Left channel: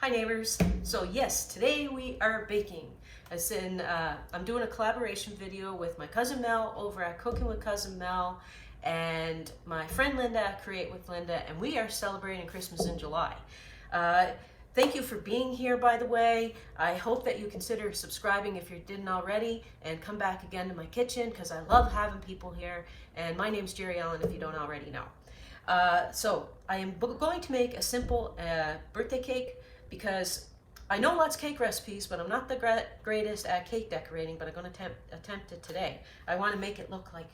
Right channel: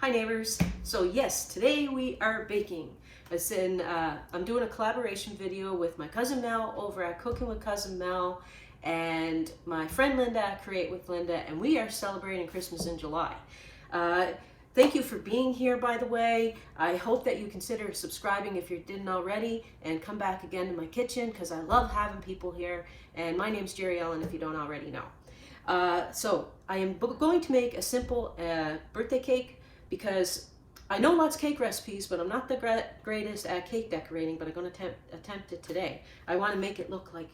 Hi neighbors. So yes, today we are baking. As in, I'm doing a collaboration video with my cousin Mel over at Cooking with Cousin Mel and my friend Linda at Create with Linda, and we are celebrating Christmas in July. Thank you for being here, by the way. I hope that you consider subscribing if you didn't already, and come back again to my kitchen because I love having people here. And my name's Jerry Ellen if you don't already know. So I am going to make a simple birthday cake, because I know lots of cake recipes, but I'm not the greatest at cake decorating, but I'm going to attempt it today. I want to make it look like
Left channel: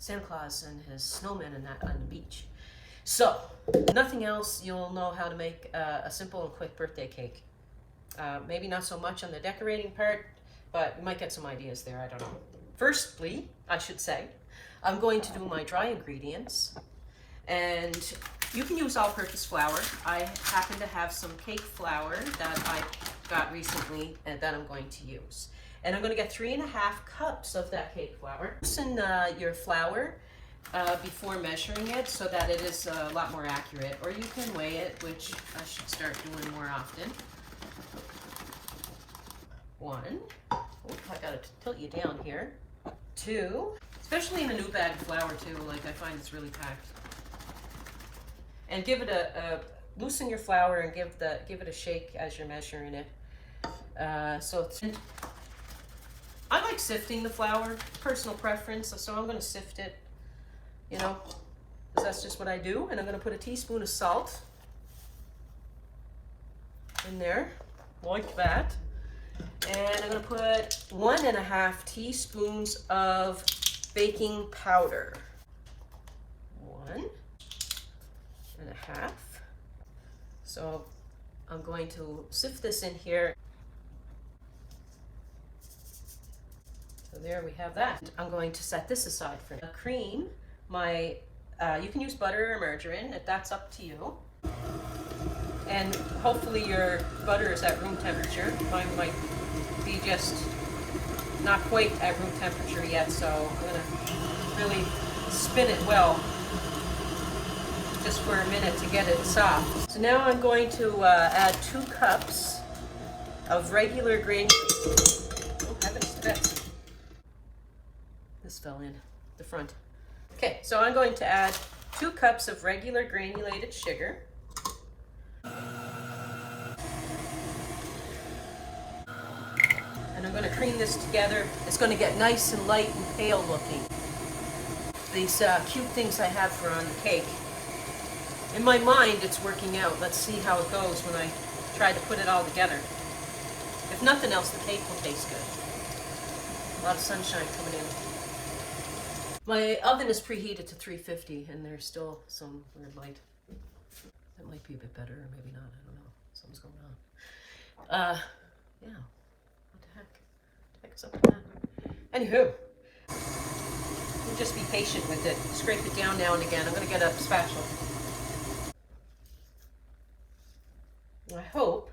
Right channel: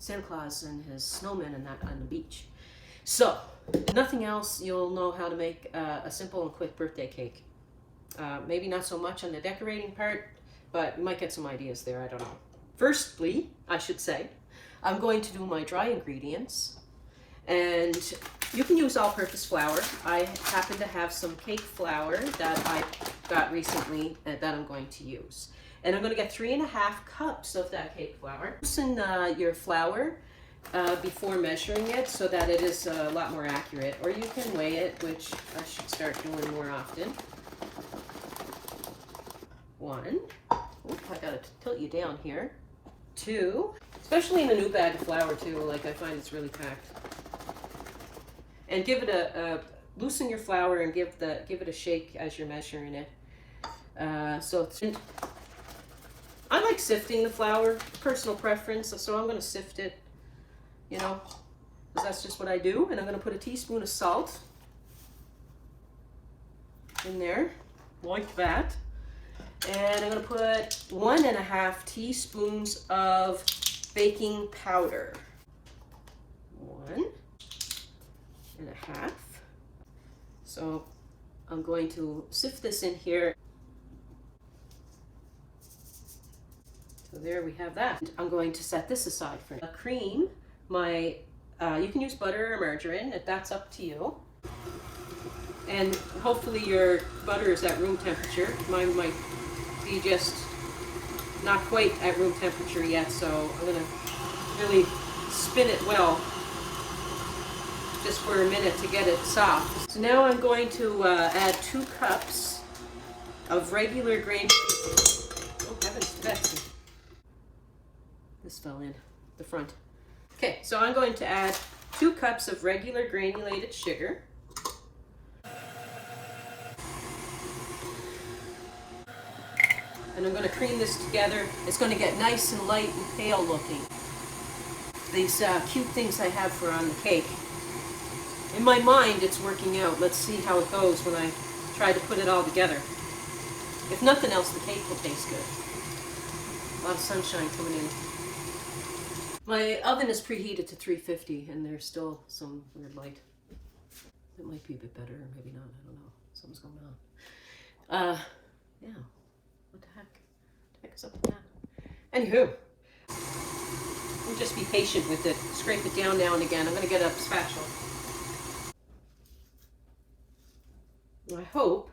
Santa Claus and his snowman and that on the beach. So, if nothing else, you'll know how to make a simple and quick birthday cake. Maybe not so much on the decorating part, but you might get some ideas there, I don't know. Firstly, I should say, I'm going to do my dry ingredients. And you can use all-purpose flour. I happen to have some cake flour that I got recently and that I'm going to use. And I'm going to get 3.5 cups of that cake flour. Loosen your flour before measuring it so that it is a lot more accurate. Or you can weigh it, which I should start doing more often. 1. Oh, I got to tilt you down here. 2. Especially in a new bag of flour too, like I find it's really packed. And give it loosen your flour and give it a shake as you're measuring it. I like sifting the flour, personal preference, so I'm going to sift it, you know, because that's just what I do. And I'm going to put a teaspoon of salt in there, like that. And I'm going to put 1.5 teaspoons of baking powder. 1.5. So I'm going to sift this in here. So there we have that. I'm going to set this aside for a cream. You can use butter or margarine, if that's up to you. And hopefully your butter is at room temperature. Mine might be just not quite at room temperature yet, so I'm gonna really spin it well, just for a minute to get it soft. So now I'm going to add 2 cups of regular grain. Oh heavens, Betsy. This fell in the front. Okay, so I'm going to add 2 cups of regular granulated sugar. And I'm going to cream this together. It's going to get nice and light and pale looking. These cute things I had for on the cake. In my mind, it's working out. Let's see how it goes when I try to put it all together. If nothing else, the cake will taste good. A lot of sunshine coming in. My oven is preheated to 350, and there's still some weird light. That might be a bit better, or maybe not. I don't know. Something's going on. Yeah. What the heck? What the heck is up with that? Anywho, just be patient with it. Scrape it down now and again. I'm going to get a spatula. I hope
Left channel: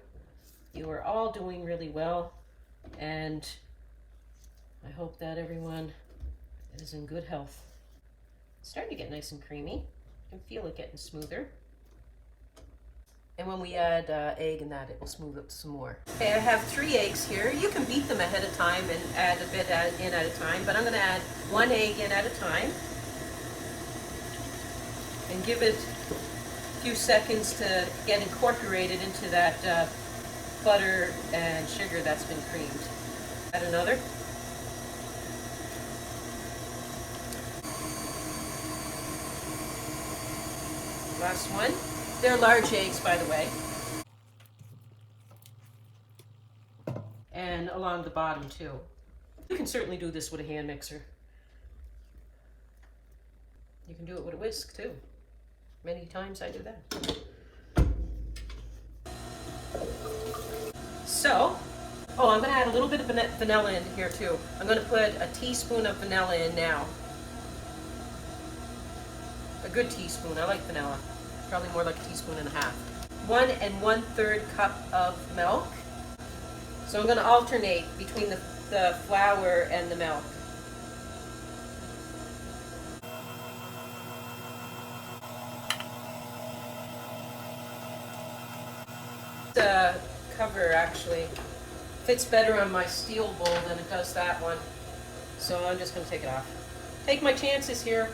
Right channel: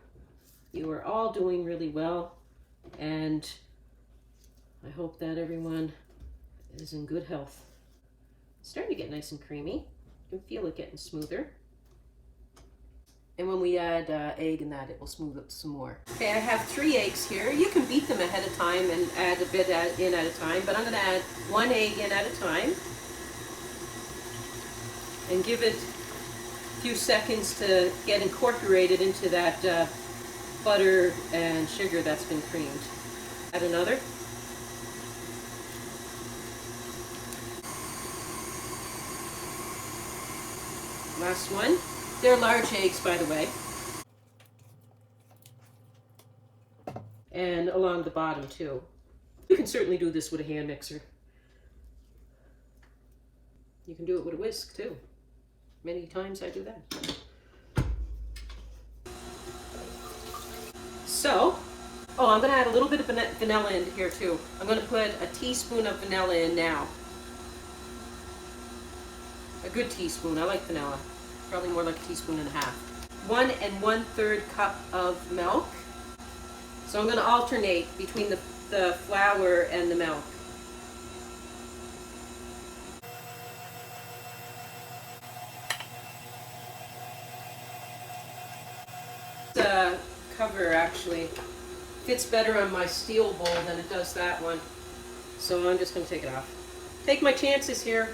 you are all doing really well, and I hope that everyone is in good health. It's starting to get nice and creamy. You can feel it getting smoother. And when we add egg in that, it will smooth it some more. Okay, I have 3 eggs here. You can beat them ahead of time and add a bit in at a time, but I'm going to add 1 egg in at a time and give it a few seconds to get incorporated into that butter and sugar that's been creamed. Add another. Last one. They're large eggs, by the way. And along the bottom too. You can certainly do this with a hand mixer. You can do it with a whisk too. Many times I do that. So, I'm going to add a little bit of vanilla into here too. I'm going to put a teaspoon of vanilla in now. A good teaspoon. I like vanilla. Probably more like a teaspoon and a half. 1 1/3 cup of milk. So I'm going to alternate between the flour and the milk. cover actually fits better on my steel bowl than it does that one. So I'm just going to take it off. Take my chances here.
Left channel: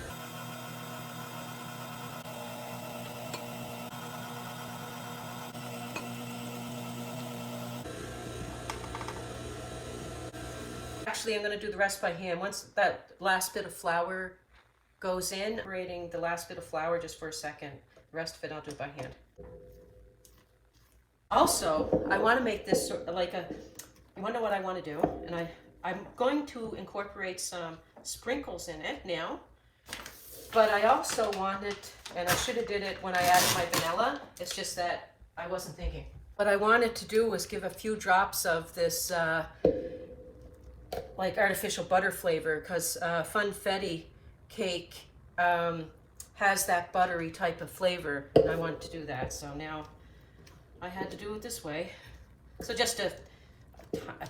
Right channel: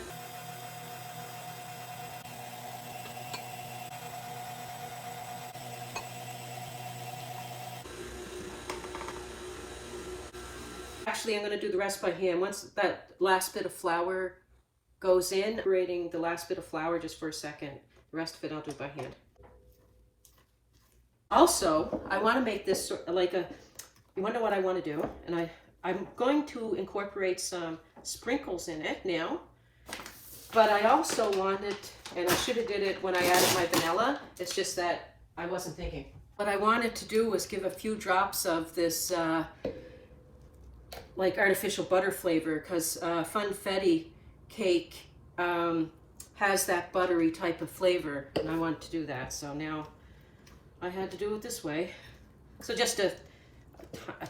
Actually, I'm going to do the rest by hand. Once that last bit of flour goes in, separating the last bit of flour just for a second. The rest of it I'll do by hand. Also, I want to make this like a, you wonder what I want to do, and I'm going to incorporate some sprinkles in it now, but I also wanted, and I should have did it when I added my vanilla, it's just that I wasn't thinking. What I wanted to do was give a few drops of this like artificial butter flavor, because Funfetti Cake has that buttery type of flavor, and I wanted to do that, so now I had to do it this way. So just a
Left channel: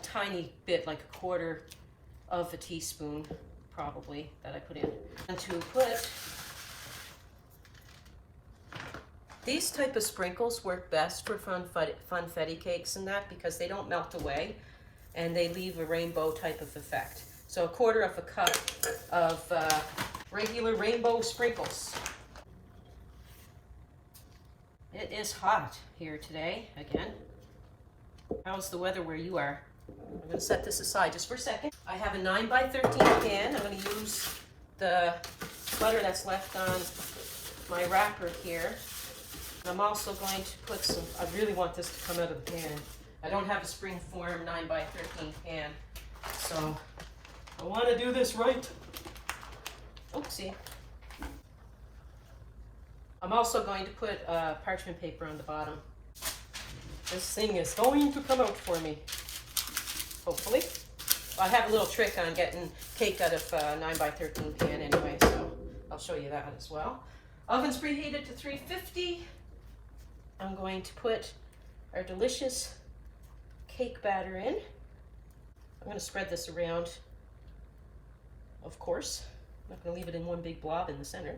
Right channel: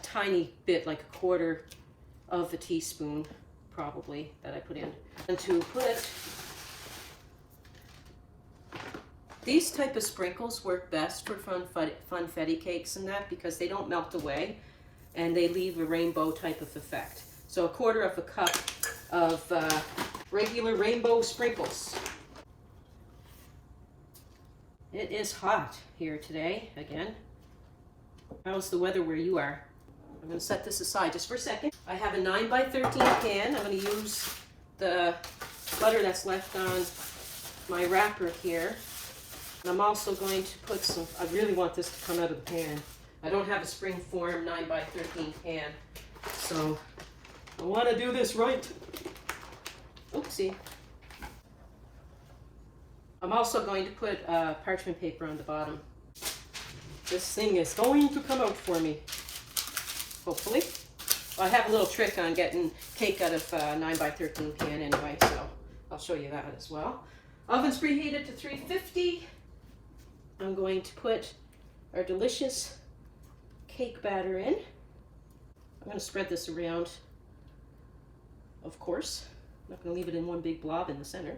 tiny bit, like a quarter of a teaspoon probably, that I put in. And to put these type of sprinkles work best for funfetti cakes and that, because they don't melt away and they leave a rainbow type of effect. So a quarter of a cup of regular rainbow sprinkles. It is hot here today again. How's the weather where you are? I'm going to set this aside just for a second. I have a 9x13 pan. I'm going to use the butter that's left on my wrapper here. And I'm also going to put some, I really want this to come out of the pan. I don't have a springform 9x13 pan, so I want to do this right. Oopsie. I'm also going to put parchment paper on the bottom. This thing is going to come out for me, hopefully. I have a little trick on getting cake out of 9x13 pan anyway, so I'll show you that as well. Oven's preheated to 350. I'm going to put our delicious cake batter in. I'm going to spread this around, of course. I'm not going to leave it in one big blob in the center.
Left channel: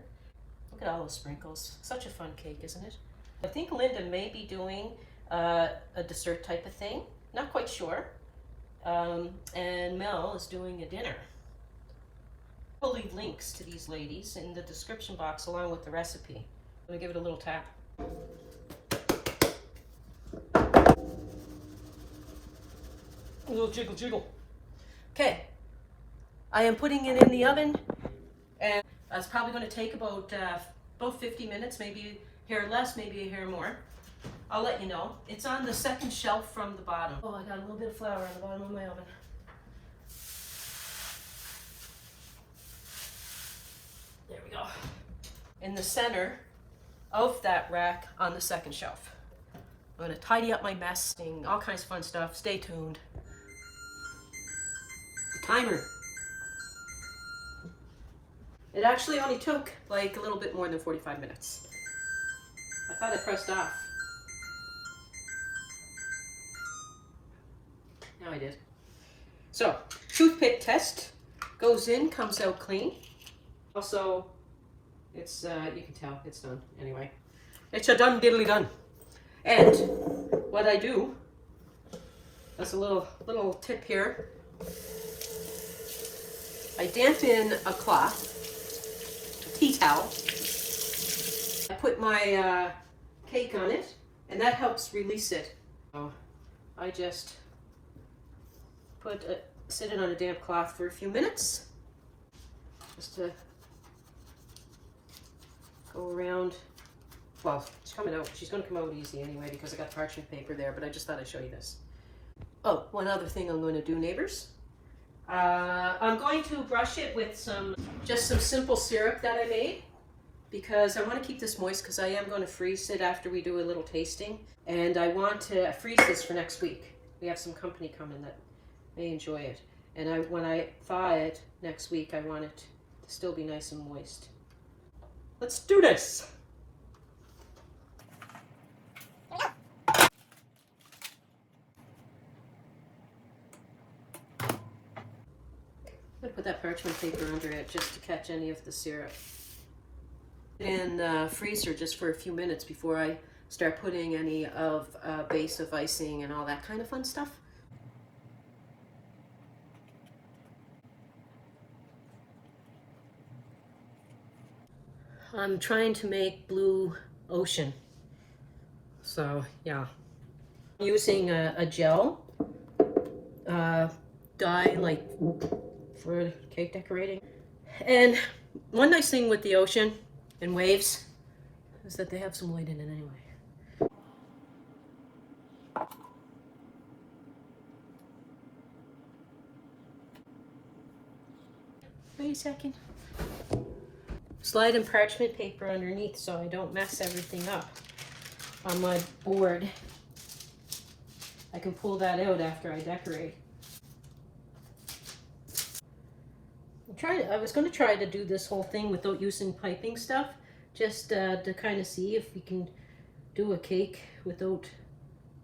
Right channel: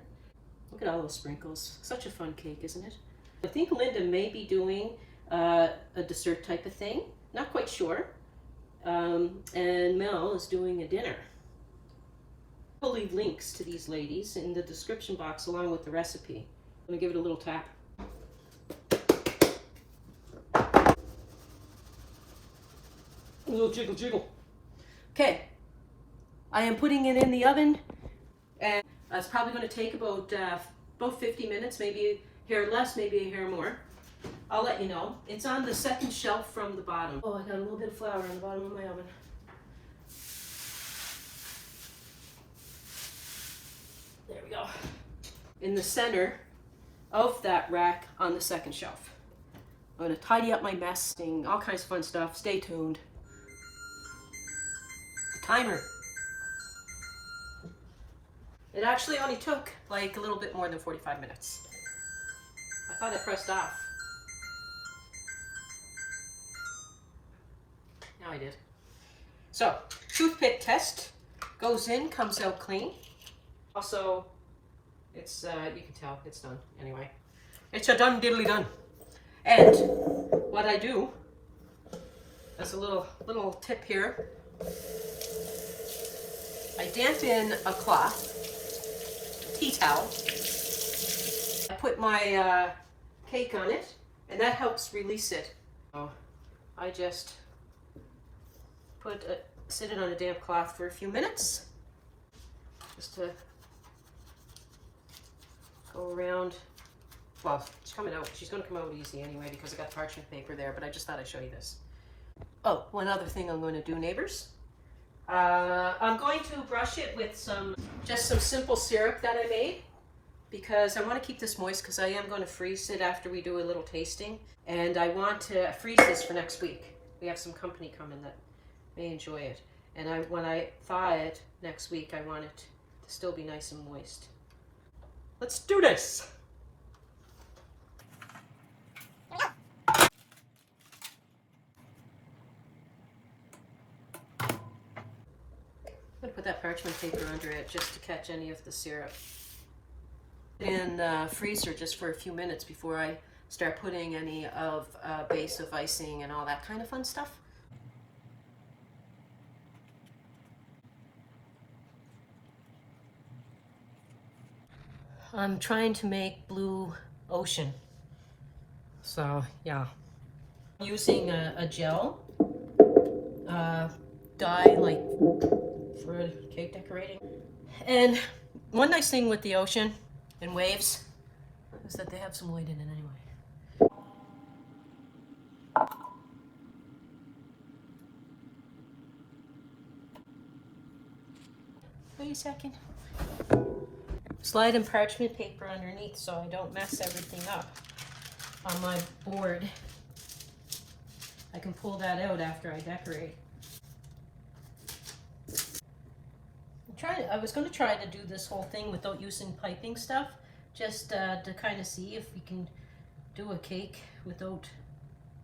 Look at all those sprinkles. Such a fun cake, isn't it? I think Linda may be doing a dessert type of thing. Not quite sure. And Mel is doing a dinner. I'll leave links to these ladies in the description box along with the recipe. I'm going to give it a little tap. A little jiggle jiggle. Okay. I am putting it in the oven, and that's probably going to take about 50 minutes, maybe a hair less, maybe a hair more. I'll let you know. It's on the second shelf from the bottom. Oh, I got a little bit of flour on the bottom of my oven. There we go. In the center of that rack on the second shelf. I'm going to tidy up my mess, all kinds of fun stuff. Stay tuned. The timer. It actually only took like a little bit more than 45 minutes. I thought I pressed off. Now I did. So, toothpick test. Goes in, comes out clean. Also, it's, you can tell, it's done anyway. It's a done diddly done. And what I do, that's a little tip here. I dampen a cloth, a tea towel. I put my cake on it, and that helps release it. So I just sit it on a damp cloth for a few minutes, just to go around. Well, she's coming out. She's going to come out easy anyway because I got parchment paper there, but I just thought I'd show you this. Oh, one other thing I'm going to do, neighbors. I'm going to brush it with just some simple syrup that I made, because I want to keep this moist because I am going to freeze it after we do a little tasting, and I want to freeze this for next week. We have some company coming that may enjoy it, and when I thaw it next week, I want it to still be nice and moist. Let's do this! I'm going to put that parchment paper under it just to catch any of the syrup. And freezer just for a few minutes before I start putting any of base of icing and all that kind of fun stuff. I'm trying to make blue ocean. So yeah, using a gel dye like for cake decorating. And one nice thing with the ocean and waves is that they have some light in it anyway. Wait a second. Slide in parchment paper underneath so I don't mess everything up on my board. I can pull that out after I decorate. I was going to try to do this whole thing without using piping stuff, just to kind of see if we can do a cake without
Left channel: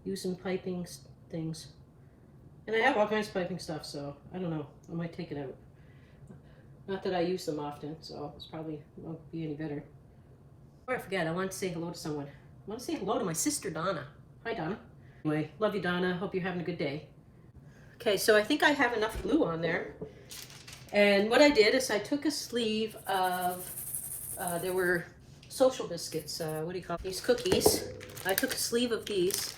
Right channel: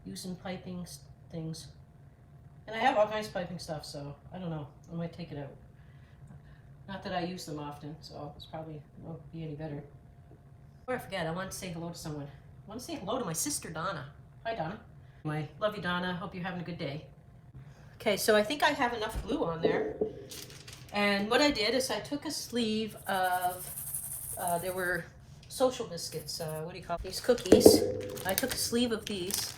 using piping things. And I have all kinds of piping stuff, so I don't know. I might take it out. Not that I use them often, so it's probably won't be any better. Before I forget, I want to say hello to someone. I want to say hello to my sister, Donna. Hi, Donna. Anyway, love you, Donna. Hope you're having a good day. Okay, so I think I have enough glue on there. And what I did is I took a sleeve of, there were social biscuits, what do you call these, cookies. I took a sleeve of these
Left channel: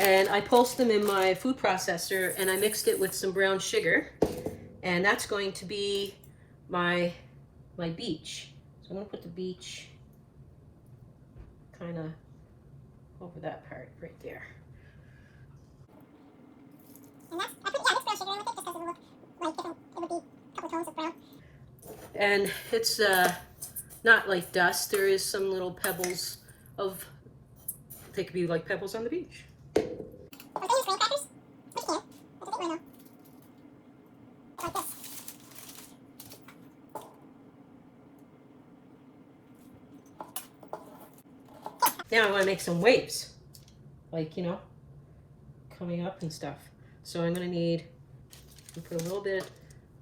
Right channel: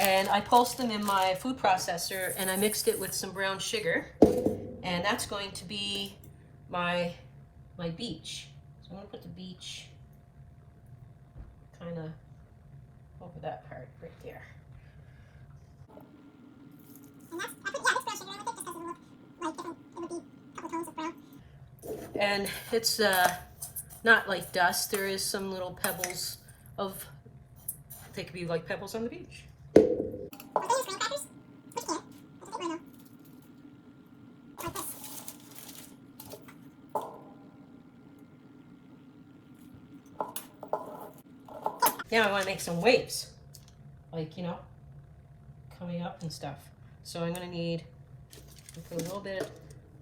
and I pulsed them in my food processor and I mixed it with some brown sugar. And that's going to be my beach. So I'm going to put the beach kind of over that part right there. And I put brown sugar in with it just because it would look like different, it would be a couple tones of brown. And it's not like dust. There is some little pebbles of, they could be like pebbles on the beach. Are they use graham crackers? But you can. That's a bit more though. Like this. Now I want to make some waves, like, you know, coming up and stuff. So I'm going to need to put a little bit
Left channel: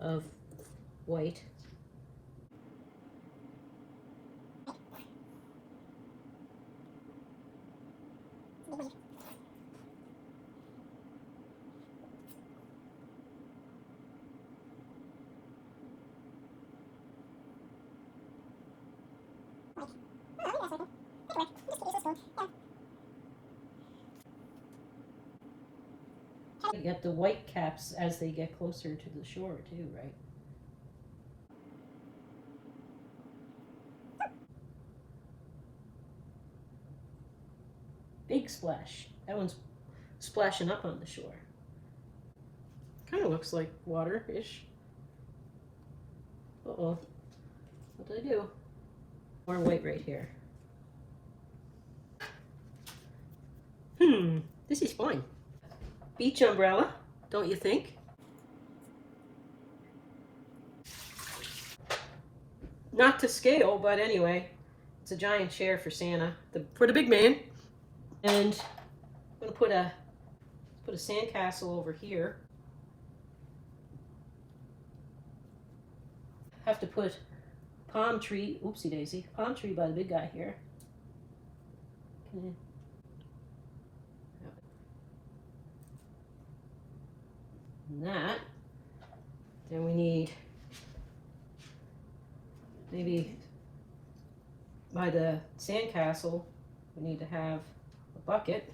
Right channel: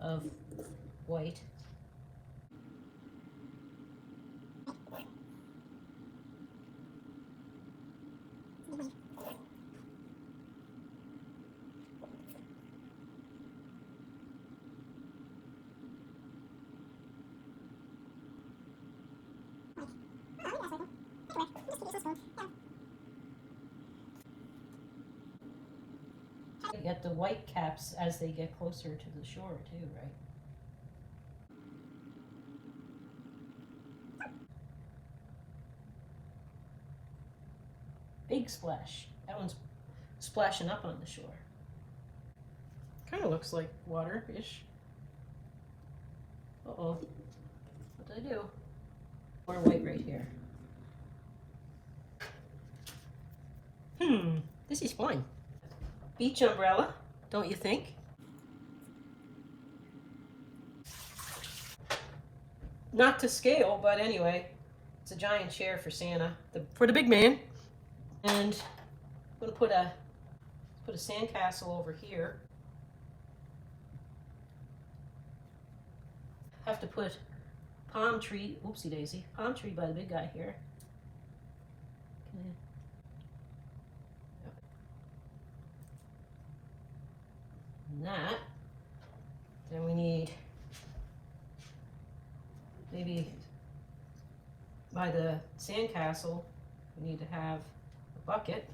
of white. You get the white caps as they get closer to the shore too, right? Big splash. That one's splashing up on the shore. Kind of looks like water-ish. Uh-oh. What did I do? More white right here. This is fun. Beach umbrella, don't you think? Not to scale, but anyway, it's a giant chair for Santa, for the big man. And I'm gonna put a sandcastle over here. Have to put palm tree, oopsie daisy, palm tree by the big guy here. Okay. And that. Then we need maybe by the sandcastle, we need to have a bucket.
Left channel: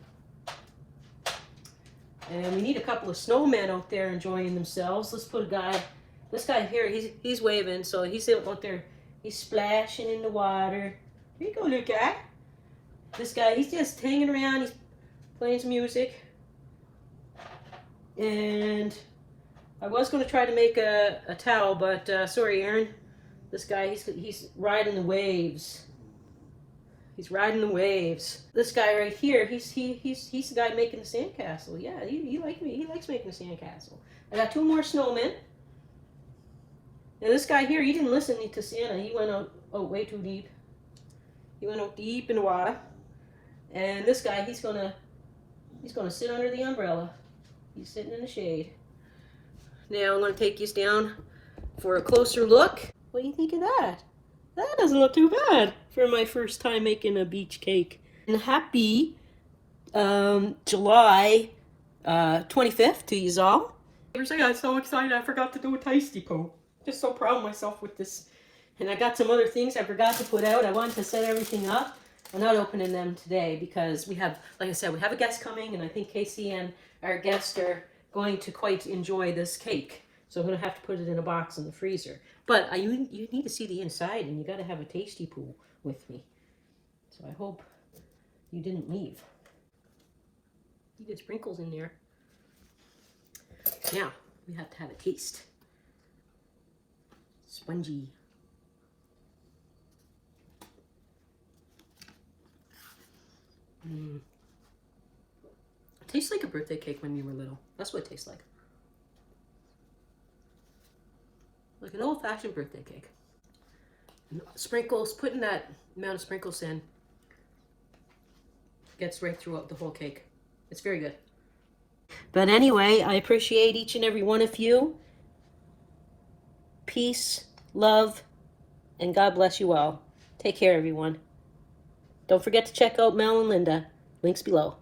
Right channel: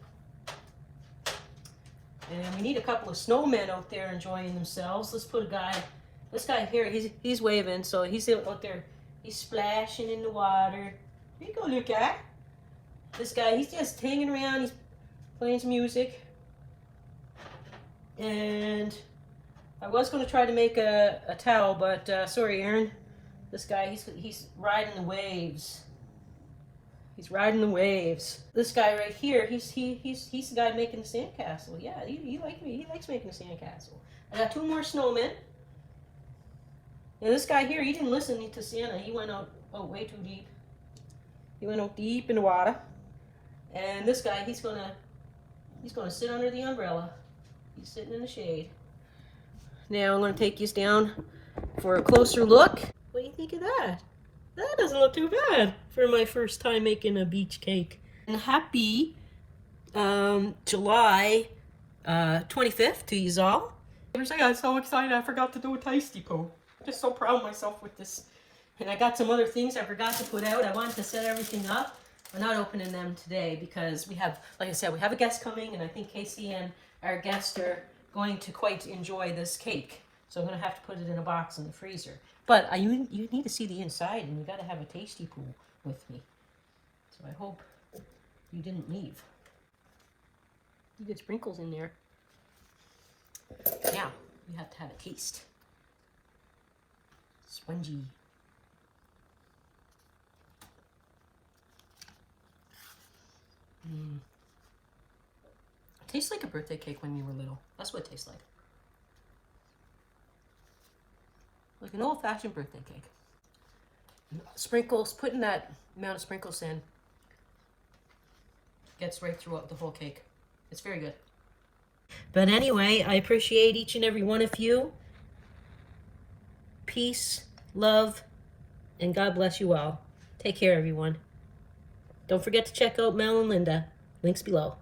And we need a couple of snowmen out there enjoying themselves. Let's put a guy, this guy here, he's waving, so he's out there, he's splashing in the water. Here you go, little guy. This guy, he's just hanging around, he's playing some music. And I was going to try to make a towel, but sorry, Aaron. This guy, he's riding the waves. He's riding the waves. This guy right here, he's the guy making the sandcastle. Yeah, he likes making a sandcastle. I got two more snowmen. And this guy here, he didn't listen to Santa. He went out way too deep. He went out deep in the water. And this guy, he's gonna sit under the umbrella. He's sitting in the shade. Now I'm gonna take you down for a closer look. What do you think of that? That doesn't look too bad for my first time making a beach cake. And happy July 25th to you all. I'm so excited I forgot to do a tasty poo. Just so proud of myself with this. And I got some other things I forgot to put out. I wanted to set everything up. I'm not opening them today because we have, like I said, we have a guest coming, and I think Casey and our guest are going to quite enjoy this cake. So I'm going to have to put it in a box in the freezer. But you need to see the inside, and you got to have a tasty pool with me. So I hope you didn't leave. You get sprinkles in there. Now, you have to have a taste. Spongy. It tastes like a birthday cake when you were little. That's what it tastes like. Like an old-fashioned birthday cake. Sprinkles, putting that amount of sprinkles in gets right throughout the whole cake. It's very good. But anyway, I appreciate each and every one of you. Peace, love, and God bless you all. Take care, everyone. Don't forget to check out Mel and Linda. Links below.